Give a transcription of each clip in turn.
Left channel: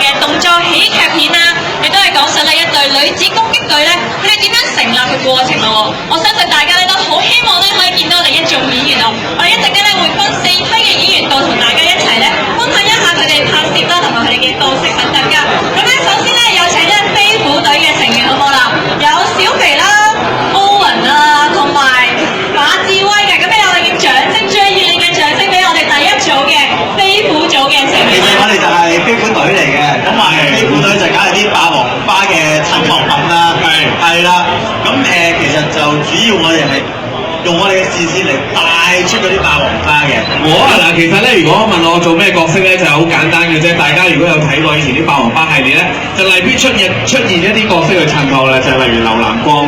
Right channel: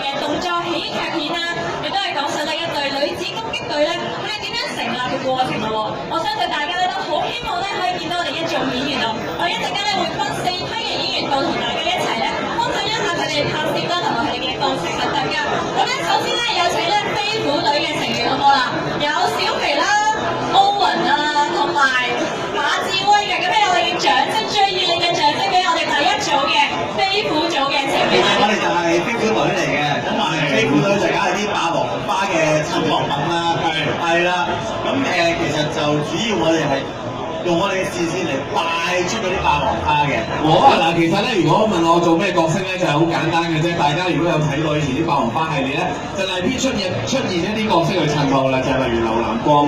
嘅動作喜劇片啦，亦都係講述咧一隊女子攻擊隊咧，佢哋點樣成立嘅過程咯。我相信大家咧都好希望咧可以見到我哋一眾演員哦。我哋一陣間咧會分4批嘅演員到同大家一齊咧分享一下佢哋拍攝啦，同埋佢哋嘅角色等等㗎。咁咧首先咧有請咧飛虎隊嘅成員好唔好啦？有小肥啦、歐雲啊，同埋馬志威嘅。咁咧我哋嘅掌聲最熱烈嘅掌聲俾我哋第一組嘅飛虎組嘅成員。其實我哋就係飛虎隊嚟嘅，咁啊飛虎隊就梗係啲霸王花嘅襯托品啦，係啦。咁其實就主要我哋係用我哋嘅視線嚟帶出嗰啲霸王花嘅。嗱，其實咧，如果問我做咩角色咧，就係好簡單嘅啫。大家如果有睇過以前啲霸王花系列咧，就例必出現一啲角色去襯托啦，就係例如劉南光，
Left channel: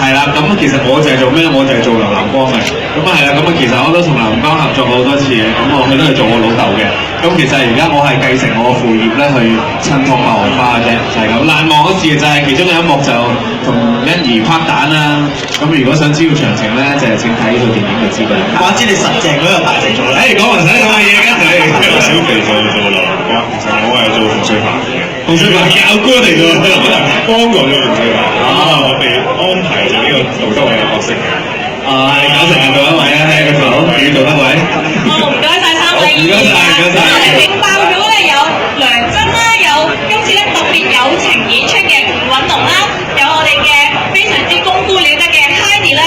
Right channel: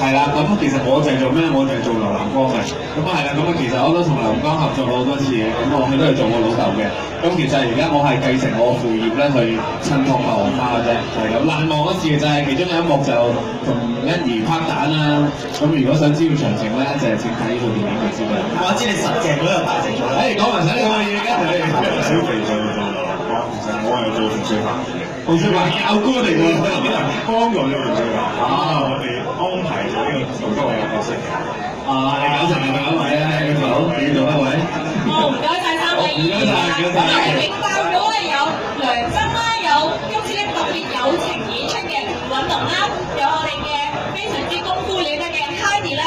係啦。咁其實我就係做咩？我就係做劉南光嘅。咁啊係啦。咁啊其實我都同劉南光合作過好多次嘅。咁佢都係做我老豆嘅。咁其實而家我係繼承我嘅父業咧，去襯托霸王花嘅啫，就係咁。難忘嘅事就係其中有一幕就同欣宜拍蛋啦。咁如果想知道詳情咧，就請睇呢套電影就知㗎啦。話知你實淨嗰個大隻咗啦。講唔使咁嘅嘢㗎，小肥就做劉南光，我係做馮淬帆嘅。馮淬帆教官嚟㗎，幫過咗馮淬帆。我哋安排咗呢個杜德偉嘅角色。你搞成係做一位啊，係個組要做一位。唔該晒3位演員。我哋勁爆咗咧有梁真啦，有今次咧特別友情演出嘅吳允龍啦，有我哋嘅非常之功夫了得嘅 Heidi 啦、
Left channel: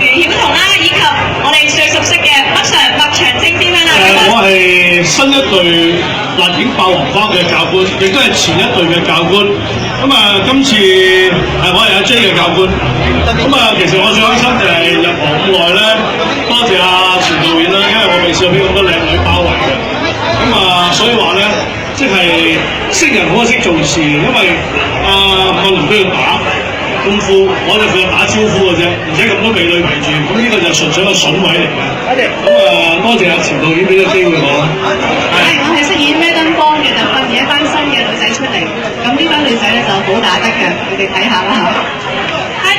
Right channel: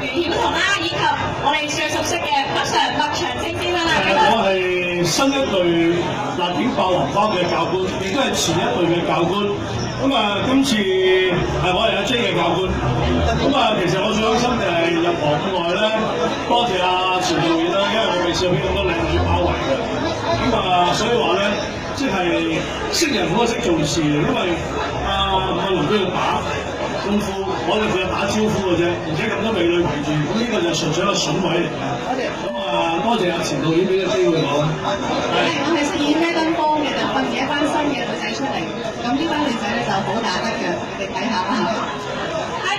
袁曉彤啦，以及我哋最熟悉嘅麥長青先生啦。我係新一隊辣影霸王花嘅教官，亦都係前一隊嘅教官。今次我係阿 J 嘅教官。其實我最開心就係入行咁耐咧，多謝阿錢導演啦，因為我未試過俾咁多靚女包圍嘅。所以話咧，即係識人好過識做事，因為個人都要打功夫，我哋負責打招呼嘅啫，而且咁多美女圍住，咁呢個就純粹一個筍位嚟嘅。多謝阿錢導演俾個機會我。我係飾演咩燈光嘅，就訓練一班新嘅女仔出嚟。咁呢班女仔咧就好打得嘅，你哋睇下啦嚇。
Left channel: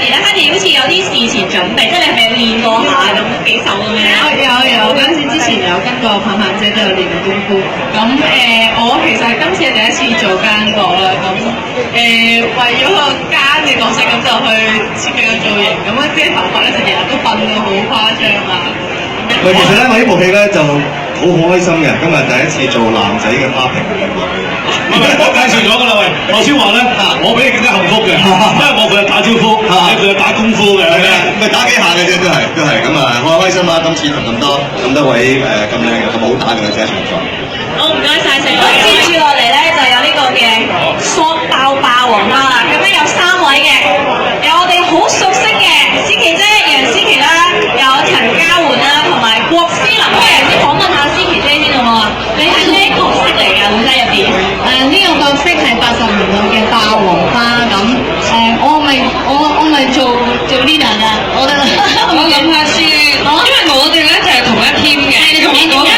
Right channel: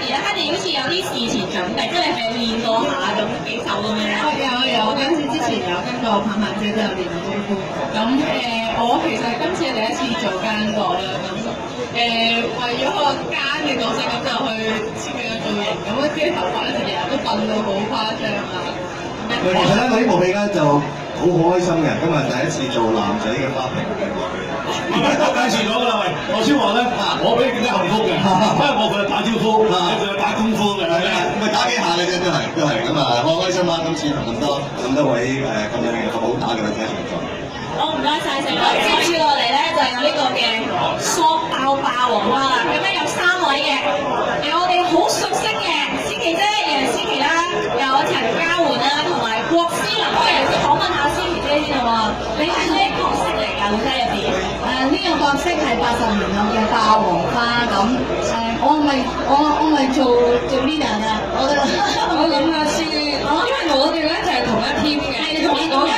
Heidi 好似有啲事前準備，即係你係咪練過下咁幾手咁樣？有，嗰陣時之前有跟過棒棒姐都有練過功夫。我其實今次係第一次做奸角啦。為咗個奸嘅角色，咁就去設計個造型。啲頭髮咧就日日都笨到好誇張啊！其實咧，我呢部戲咧就好開心嘅，今日第一次做男仔嘅花瓶。介紹咗㗎啦，喂！我先話咧，我比你更加幸福嘅，因為我負責打招呼，你負責打功夫嘅，咪打幾下嘅啫，都係咁啊！我開心啦，今次同咁多位咁靚嘅、咁好打嘅女仔一齊做。好，唔該晒4位。接住落嚟咧就有呢個嘅索爆霸王花啦。咁咧有3位嘅，有我哋好熟悉嘅思琪姐、楊思琪啦，有陳嘉媛啦，同埋郭思琳。不如先訪問下思琪姐先好唔好啊？你係咩角色嚟㗎？會喺入邊？呢個角色係80年代嘅霸王花咁。我咪做 leader 㗎。我諗下先，因為我哋咧就係同一 team 嘅。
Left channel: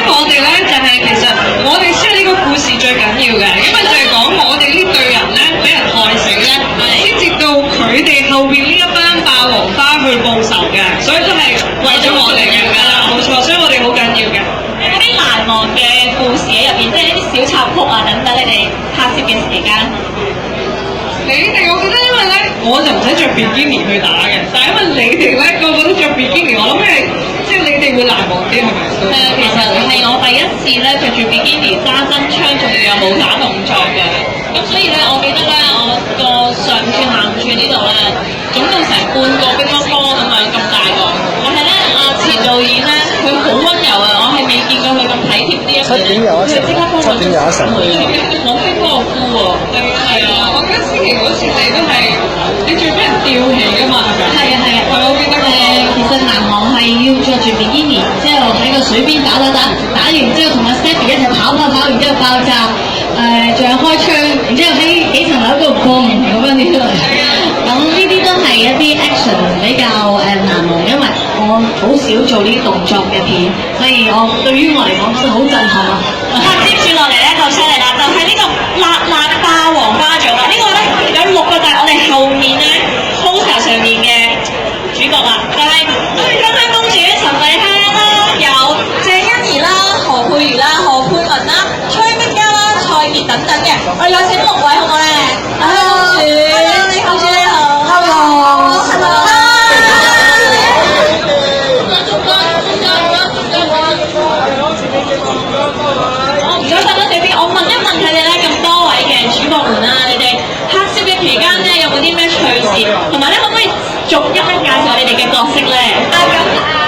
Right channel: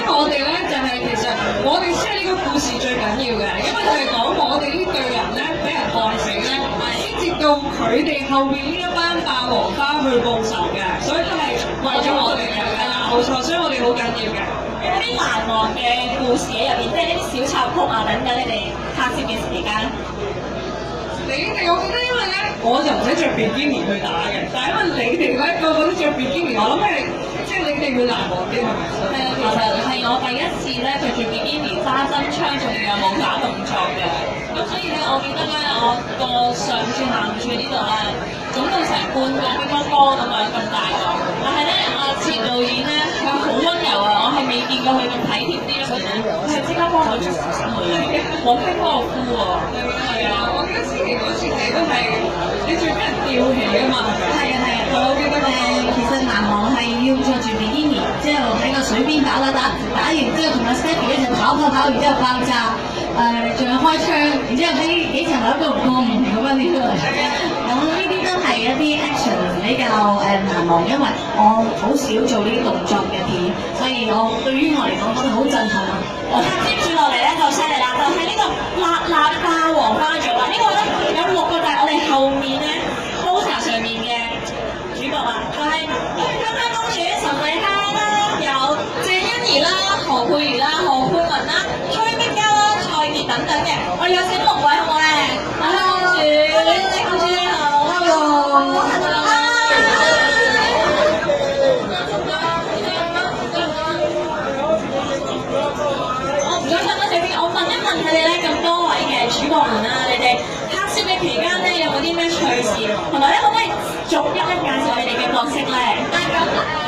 我哋咧就係其實我哋需要呢個故事最緊要嘅，因為就係講我哋呢隊人咧俾人害死咧，先至到佢哋後邊呢一班霸王花去報仇嘅，所以都係為咗我哋嘅㗎啦，冇錯，所以我哋好緊要嘅。有啲難忘嘅故事喺入邊，即係呢啲小插曲啊等等，你哋拍攝嘅時間。我覺得因為咧，我就唔使着比基尼去打嘅，但係因為你哋咧個個都着比基尼，我諗係即係你哋會難忘啲係咪？係啊，其實係我第一次咧着住比基尼揸真槍，仲有武打動作嘅。咁所以咧，我記得咧，我個上處下處呢度咧，總共成半個乒乓波咁樣咁大個。但係咧，阿錢導演咧，佢好溫柔啊，我係未見過佢咁體貼呢一面。佢即刻幫我捉揾乒乓波褲喎。係啊，我記得思琪嗰次你都係你最俾人吊起㗎嘛，係咪？係啊，我記得其實難忘係要着住比基尼，之後喺個水邊打完之後同阿 Stephy 一齊跑，然之後爆炸，仲有開槍，然之後喺幾層樓度過唔同咁樣啲出嚟。咁呢啲都係一啲 action 比較難忘，因為我好少做呢啲動作嘅片，所以對於我嚟講覺得好震撼啊！接住落嚟咧就犀利啦，就係呢個辣辣霸王花組啦。呢個咧有6個就係我哋後面咧 poster 上面嘅主角啦，就係香香公主、陳慧嘉啦，有鄭欣宜啦、何佩瑜啦、何佩文啦、崔碧嘉啦、蔡潔等等等嘅，我哋有請6位好唔好咧？公主你好，Hello，唔該曬多謝邊，我問一問佢哋咧，咁多位嘅主角們啦，你哋黑攝嘅期間咧，有冇啲咩趣事？同埋咧，可唔可以逐一咧介紹你哋嘅角色咧？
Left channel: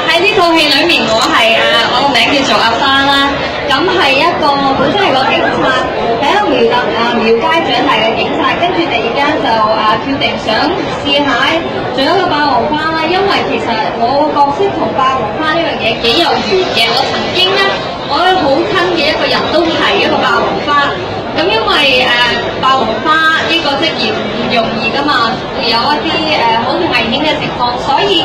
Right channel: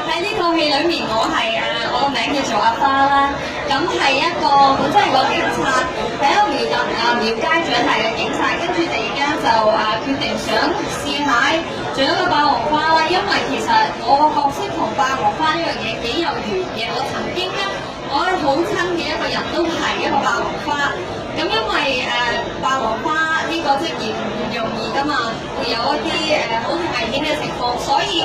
喺呢套戲裏面，我個名叫做阿花啦。咁係一個本身係個警察，喺一個廟街長大嘅警察，跟住突然間就決定想試下做一個霸王花啦。因為其實我個角色同霸王花呢樣嘢幾有緣嘅。我曾經咧，我好親嘅一個人都係一個霸王花。咁因為霸王花呢個職業唔容易噶嘛，會有一啲好危險嘅情況，所以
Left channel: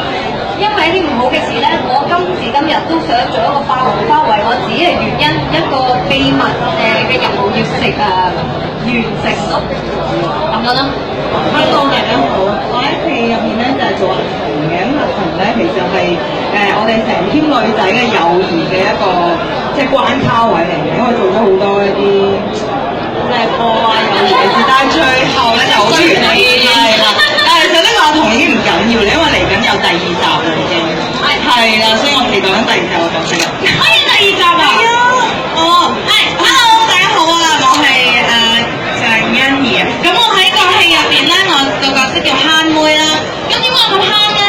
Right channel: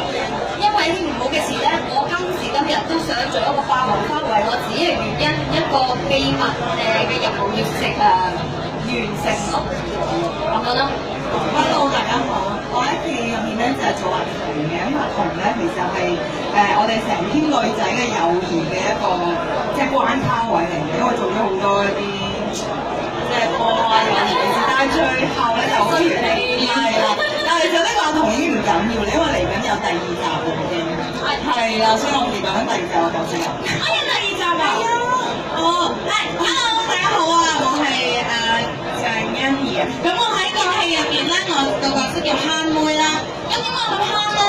因為一啲唔好嘅事咧，我今時今日都想做一個霸王花，為我自己嘅原因一個秘密嘅任務要完成咯，咁樣咯。Hello， 大家好，我喺戲入面咧就係做阿彤嘅，咁阿彤咧其實係我哋成 team 女仔嘅友誼嘅一個即係關卡位嚟嘅，因為做咗好多一啲即係破壞友誼嘅事，但係最後咧就好完美，係啦。但係其實呢個阿彤已經唔緊要啦，因為嚟緊有第2集啦已經，係啦，所以我期待緊第2集嘅角色啊。可以第2集啊？係啊，Hello， 大家好啊，我係鄭欣宜啊。咁我喺個戲入邊咧，我個角色叫慳妹啦。咁點解我咁慳咧？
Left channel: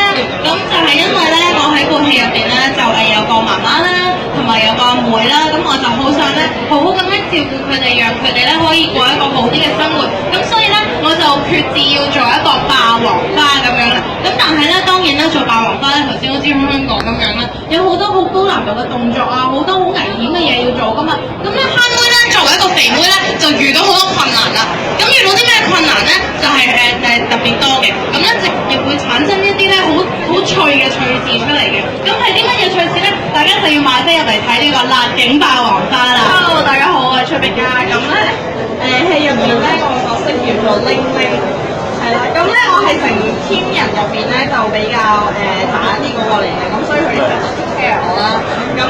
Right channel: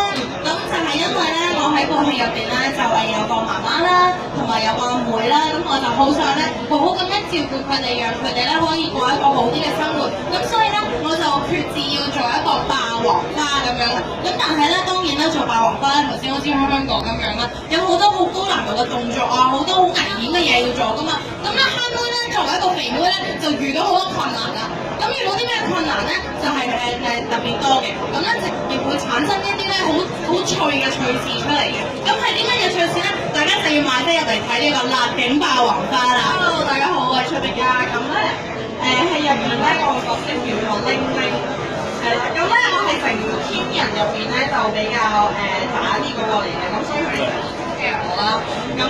咁就係因為咧，我喺部戲入邊咧就有個媽媽啦，同埋有個阿妹啦。咁我就好想咧，好好咁樣照顧佢哋，讓佢哋咧可以過一個好啲嘅生活。咁所以咧，我就決志要做一個霸王花咁樣啦。咁但係咧，當然咧做霸王花咧，頭先好似香港咁樣啦，有好多好高難度嘅動作啊，好多好危險嘅嘢要做噶嘛。咁咧慳妹咧作為一個肥妹咧，就遇到好多困難啦。咁遇到啲咩困難咧？就係特別多嘅。咁一直亦會產生一啲咧好趣嘅趣事出嚟嘅。咁係啲乜嘢趣事咧？大家就要買飛入嚟睇呢個辣警霸王花啦。Hello， 大家好，我係崔碧嘉。咁咧戲入面咧，我個角色叫做玲玲。係啦，咁咧我係成 team 人入邊咧就比較打啲嗰個嚟嘅，咁所以佢哋成日 care 我啦。咁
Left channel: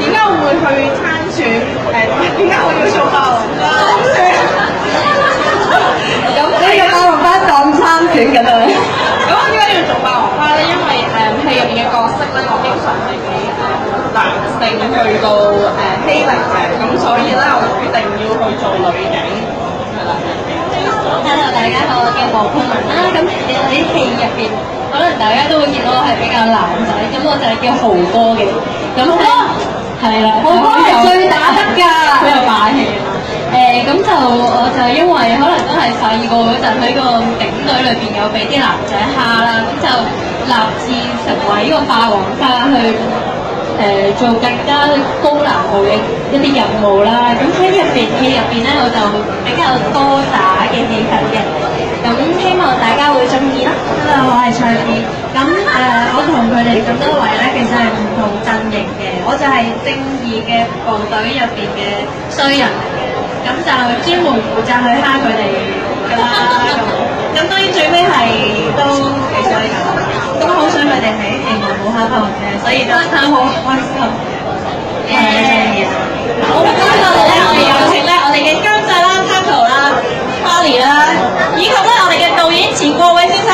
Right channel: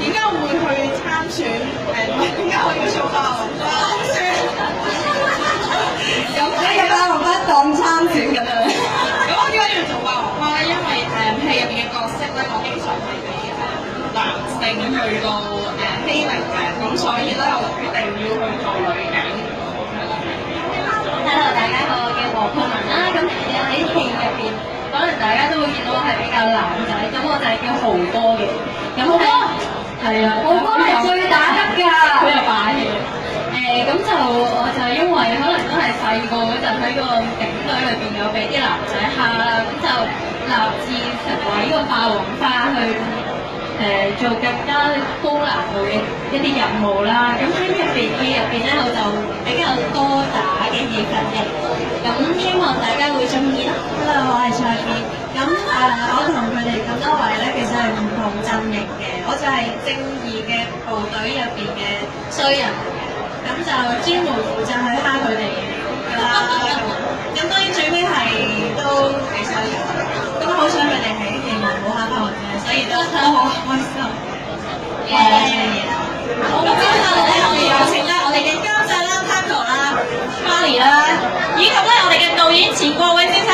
點解我會去參選？點解我要做霸王花？咁呢個霸王花當參選咁樣。咁我點解要做霸王花咧？因為戲入邊嘅角色咧，我經常係俾男性去到欺凌嘅，咁所以咧我決定要去做女警。Hello， 大家好，我叫黃佩文啦。咁喺戲入邊，可能大家都會見到我係比較男仔，咁我就係叫豪哥嘅。咁係啦，豪哥係最打得㗎，好有霸氣。咁就我就因為可能都係細個嗰陣喺個警隊裏邊有俾啲男仔蝦啦，咁就立志成為呢個霸王花去做更加高難度嘅一啲任務啦。咁喺戲入邊咧，我就比較多打嘅戲份嘅。咁希望大家會中意啦。Hello， 我係蔡健。咁我同佢哋咁多位咧，其實係唔同陣營嘅。我就係正義嘅部隊入邊嘅衰人嚟嘅。咁就專門負責去蝦佢哋㗎啦。咁當然最尾係都幾衰㗎。咁好想佢哋喺戲外冇蝦翻我嘅，所以都好開心。我好中意啊！好，接下來咧，我哋有請咧我哋嘅監製啦 ，Paco 啦 ，Charlie 啦，以及咧我哋嘅導演錢國偉先生。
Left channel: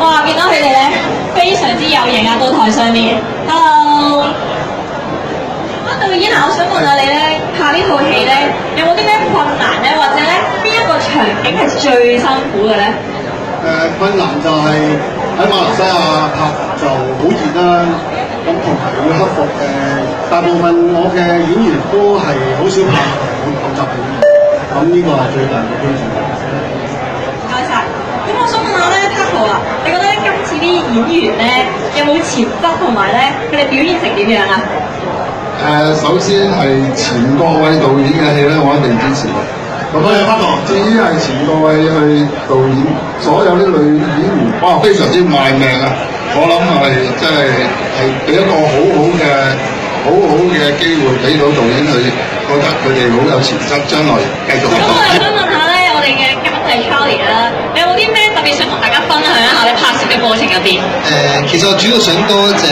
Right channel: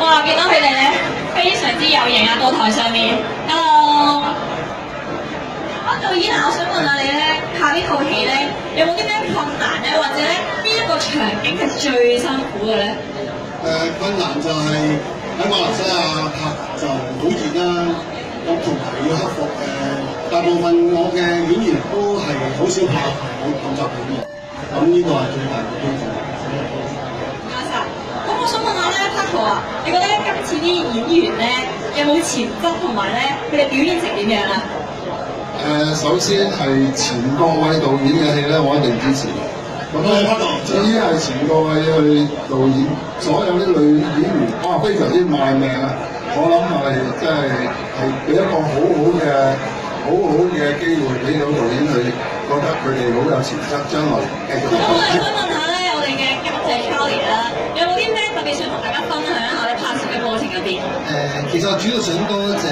哇！見到佢哋咧非常之有型啊，到台上面。Hello。導演啊，我想問下你咧，拍呢套戲咧，有冇啲咩困難咧，或者咧邊一個場景係最辛苦嘅咧？困難就係喺馬來西亞拍就好熱啦，咁同埋要克服大部分我嘅演員都係好少拍好集片嘅，咁呢個係最大嘅挑戰。唔該晒。咁我想問下咧 ，Paco 啊，你覺得今次啲演員咧有冇潛質同埋咧佢哋表現成點樣啊？首先係錢國偉導演嘅戲咧，我一定支持嘅。咁至於係錢國偉去導演所有啲女演員，哇，非常之賣命啊！我諗係真係俾一個好好嘅機會俾到導演去，覺得佢哋好有潛質，將來繼續。咁我又想問下咧，我哋嘅監製 Charlie 啦，你有冇啲咩特別想同大家分享一下你拍攝嘅過程入邊？其實我主要想多謝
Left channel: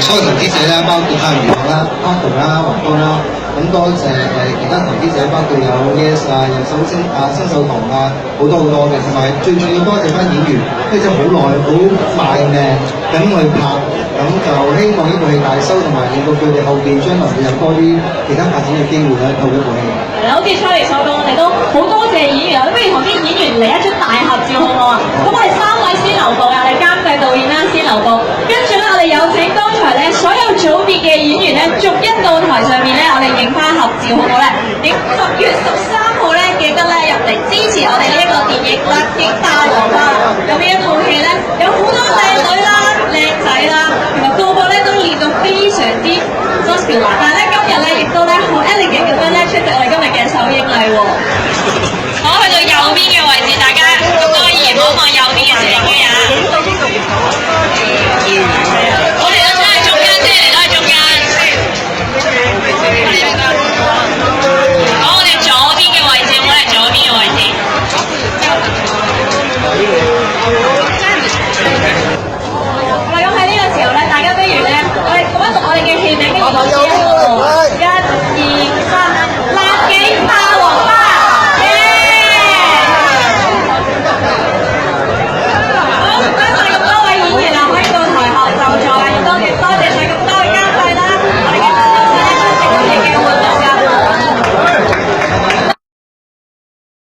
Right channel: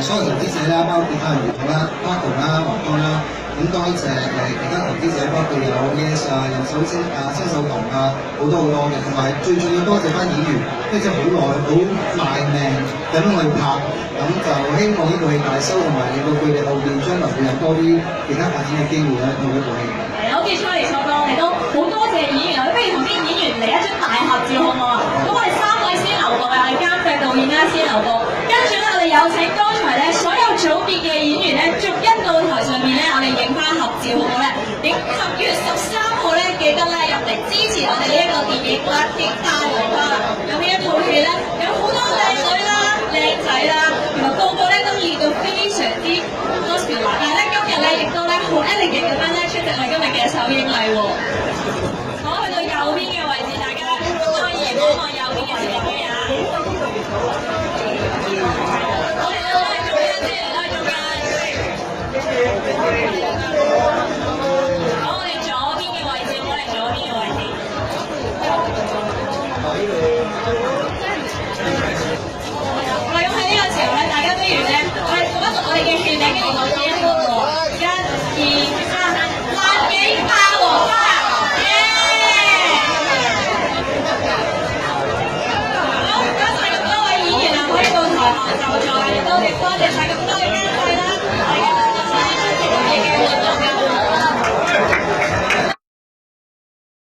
所有投資者啦，包括阿余華啦、Paco 啦、華哥啦，咁多謝其他投資者，包括有 Yes 啊，有新手堂啊，好多嘅，同埋最重要多謝翻演員，即係好耐好賣命咁去拍，咁就希望呢部戲大收，同埋令到佢哋後邊將來會有多啲其他發展嘅機會咧，透過一部戲。係啦，好似 Charlie 所講，我哋都好多謝演員，不如同啲演員嚟一張大合照好唔好啊？咁我哋3位先留步啊，我哋監製導演啦先留步，跟住咧我哋有請剛才咧所有組別嘅演員咧，逐一到台上面咧，我哋影翻合照好唔好咧？10月13號咧，記得咧入嚟支持我哋呢一個電影《辣警霸王花》。有呢一套戲咧，有好多靚女啦、靚仔啦，同埋個個咧都練到非常之 muscular，但係咧今日咧亦都咧好 elegant 咁樣咧出席我哋今日嘅首映禮喎。我去到右邊嘅位置，大家咁多位議員望望右邊嘅攝影機啊！我哋都真係中間啫，都係中間。講我哋左邊嘅位置，我哋左邊嘅位置。好啦，咁喺呢個時候咧，大家不如咧，我哋讀一讀我哋嘅戲名，跟住講之後。